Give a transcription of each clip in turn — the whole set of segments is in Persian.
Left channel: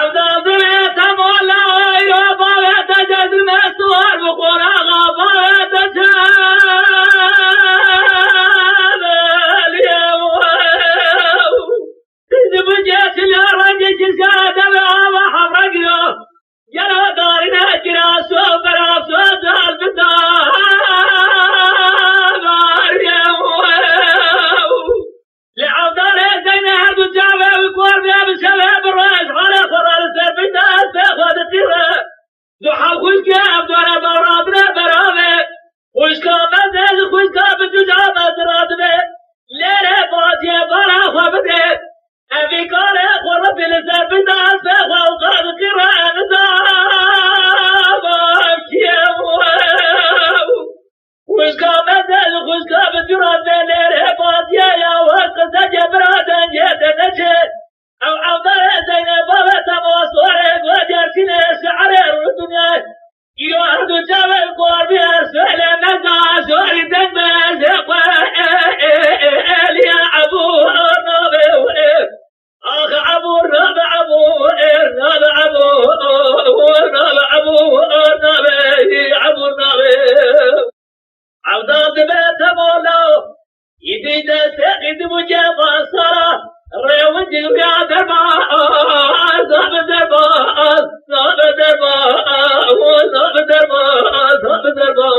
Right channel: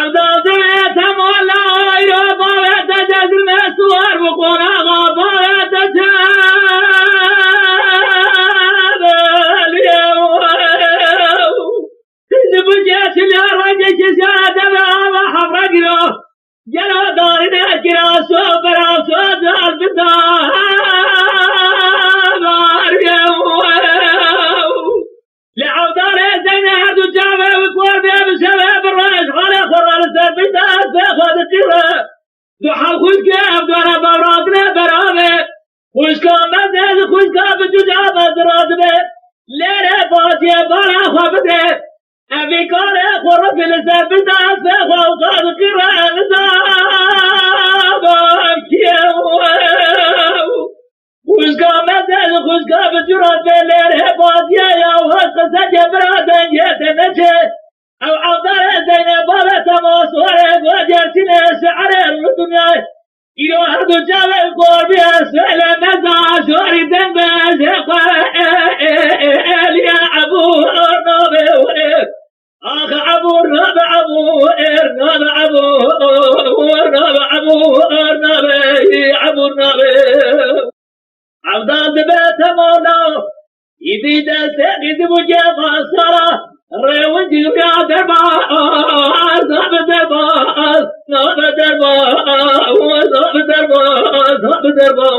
عبدال دميتم والله يا باويت جد المسوار بقرى غابويت جاب اليوم تجب جيش اليرجي كسادة بابا حفرق له جلو دارنا كراسو براسو دار بتاب اليوم لعودار زينها دجابة وكور بيا بسبب الرئيس على خرال السربيتات بيخوض التيرة دحال خوشكا بدونا بورادنا برامي خوشكا مزيز خوشكا بدجابة زرادبي ليلة فاتية بارا خوابدي أبي كاري خرب السربيتات بيخوض التيرة نزابا كيمو خوشكا مزيز خوشكا بدجابة ليلة فاتية يا واسق سجبرا دنيا نجي أو عبدال زينب بابا تموصورك وجرسنا شعر الدنيا إلو أرض جبل قربي أسفل نزع شوري دنبز يا أبو النبي أخ أبو النبي أبو النبي عبدال بيت مولا يدي دستقد مجمع صرا ريوج يا دربا صاب دربا صاب دربا صاب دربا صاب دربا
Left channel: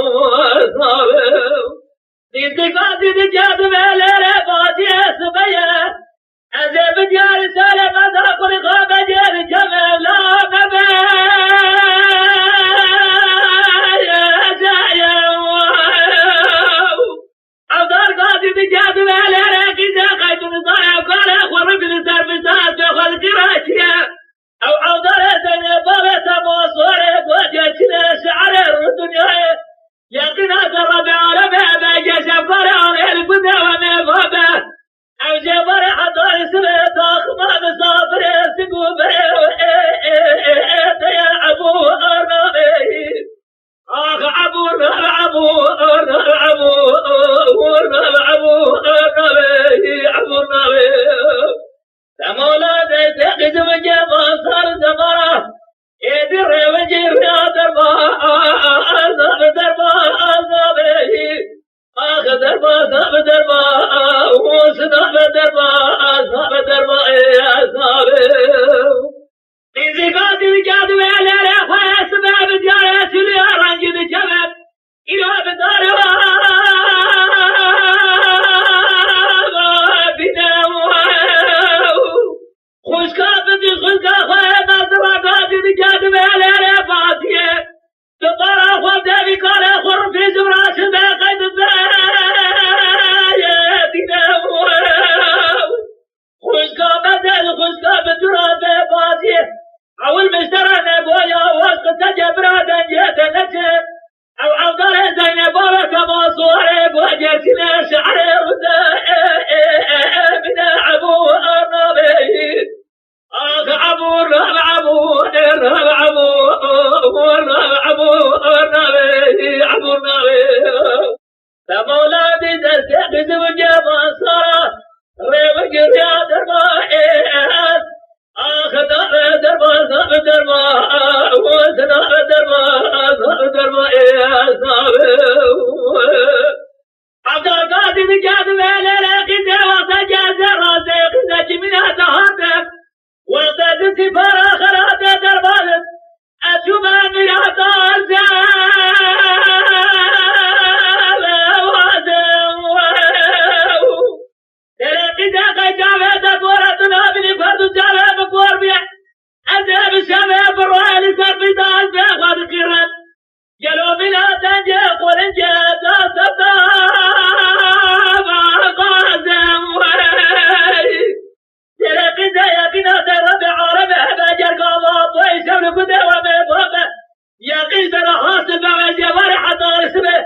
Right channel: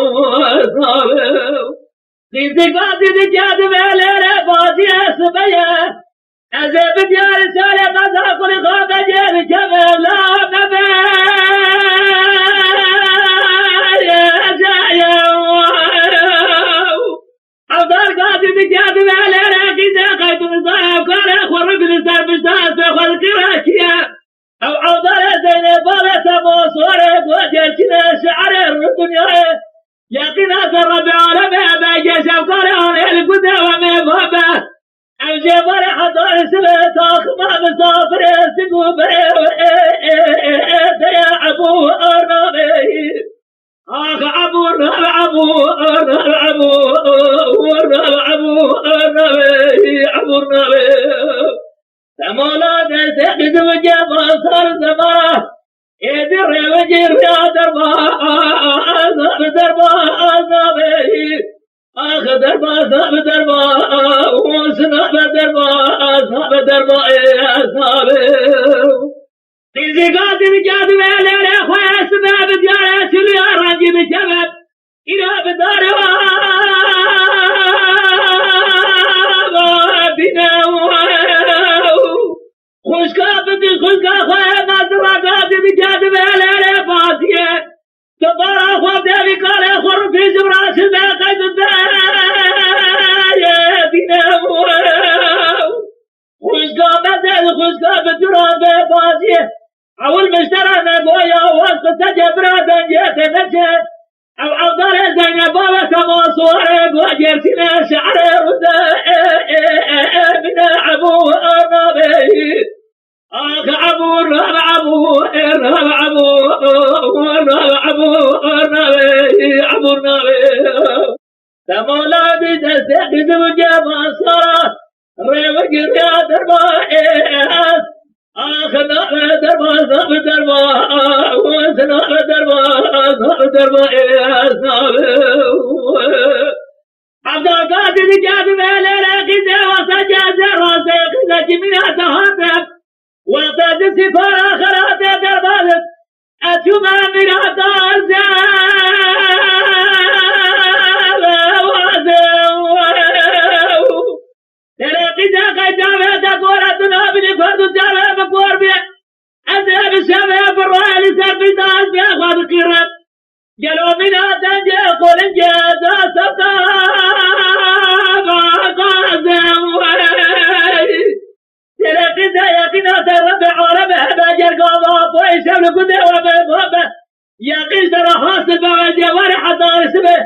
صاب ديزقات دجاد ملره بازي سبيا أزب ديار سالة مذا كل غاب جير جمال لا نبي عبدال قادر بجاد وعلى غذا قيد الضايا وقال خرب الزرب الزاز بخل كراكيا أو عبدال زينب بابا موصورك وجلسنا شعر الدنيا يقين أسر بعالمه بجيش أفكار عن القدى ومبابا أو جبر حضار سبت أخما مسافر سقوبر يا أبو أرنبي آخ أبو النبي تمولا تسقط وجبا صار زمرة يدر وجر يا دربا صاب دربا صابي آخ دربا صاب دربا وسناب دربا صاب دربا يا صابي تزقات بجاد ولا لا خاص باب ديار سوريا رانجي بشباب إلى بدار بنا خوش كابتي خوش كاخا نظرات بجاد ولا لا فاتيه تبارا خواب دابي قال خر في زبراس باقي الدايا بنا خوش كابتي خوش كابتي رابي فاتيه أول مشترى نبويا وسط تجبرا دنيا نجي أو عبدال زينب بابا كموصورك وجرسنا شعر ردا من أبو النبي أخ أبو النبي تمولا بتستقز وجمع صرا ريوك يا دربا آخ نبي دربا صاب دربا وسناب دربا صاب دربا صاب عبدال قادر بجاد ويلي قزا وسجاد راسي قزا جميع تهاتف وقد سفر آخرات دربالت أشما مرات الزاب ترقيدا قيجابة تقورة تنابني فرد الجابة بقور بيه أذهب الشباب الرأي لسربيتا أزبه أخوات القرآن جلو بنا تنجي قول انجازة سبتاب قاسم ترقيدا يقينا تربع عربه بجر قابط ويشب لقده ومبهبه يقين ترى حاسب وجه ورح دار سبه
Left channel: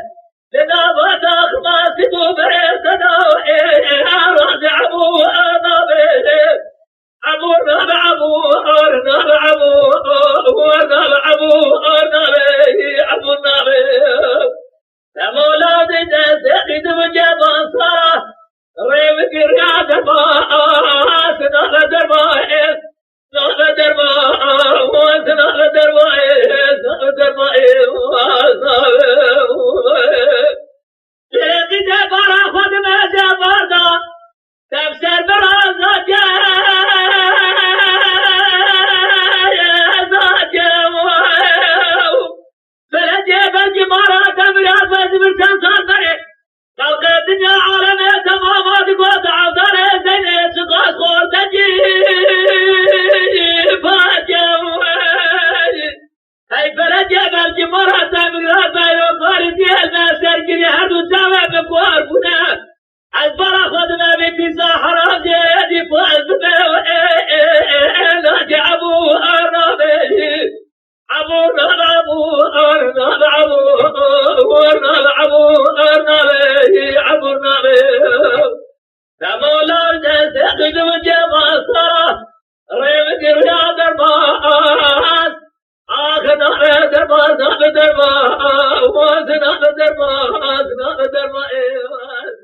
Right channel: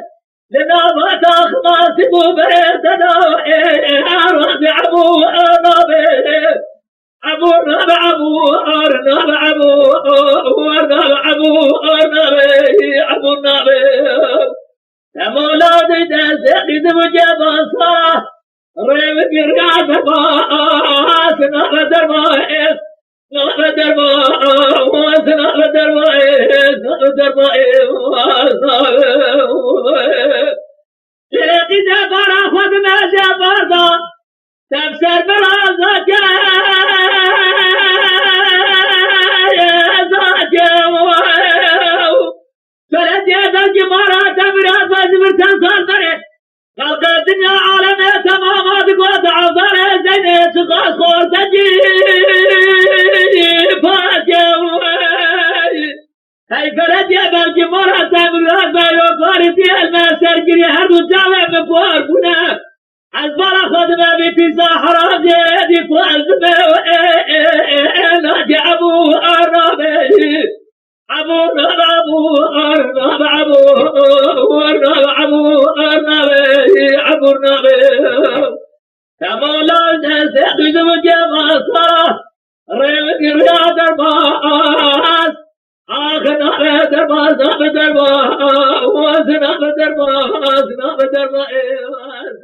لنابت أخماسب بريتنا أرد أبو النبي أبو النبي دربا لقی دبارا خود نجا بردا تفسر برازا فلجي بلجي مرا تبرا فزبر تنصر دره خلق الدنيا عالمي تمامات قوة عوضره زيني سقاس خوص تجي هاي فلجي بلجي مرا تبرا فزبر فارسي المسر جري هردو جاوه بقوار بنا عزبرا خود ما بيتي ساحرا جيدي فوز ناجي ابو ارنابي ابو ارنابي تمولا نسيقظ مجمسا ريوك رياض الماس آخنا درباس ناب درباس ناب درباس ناب درباس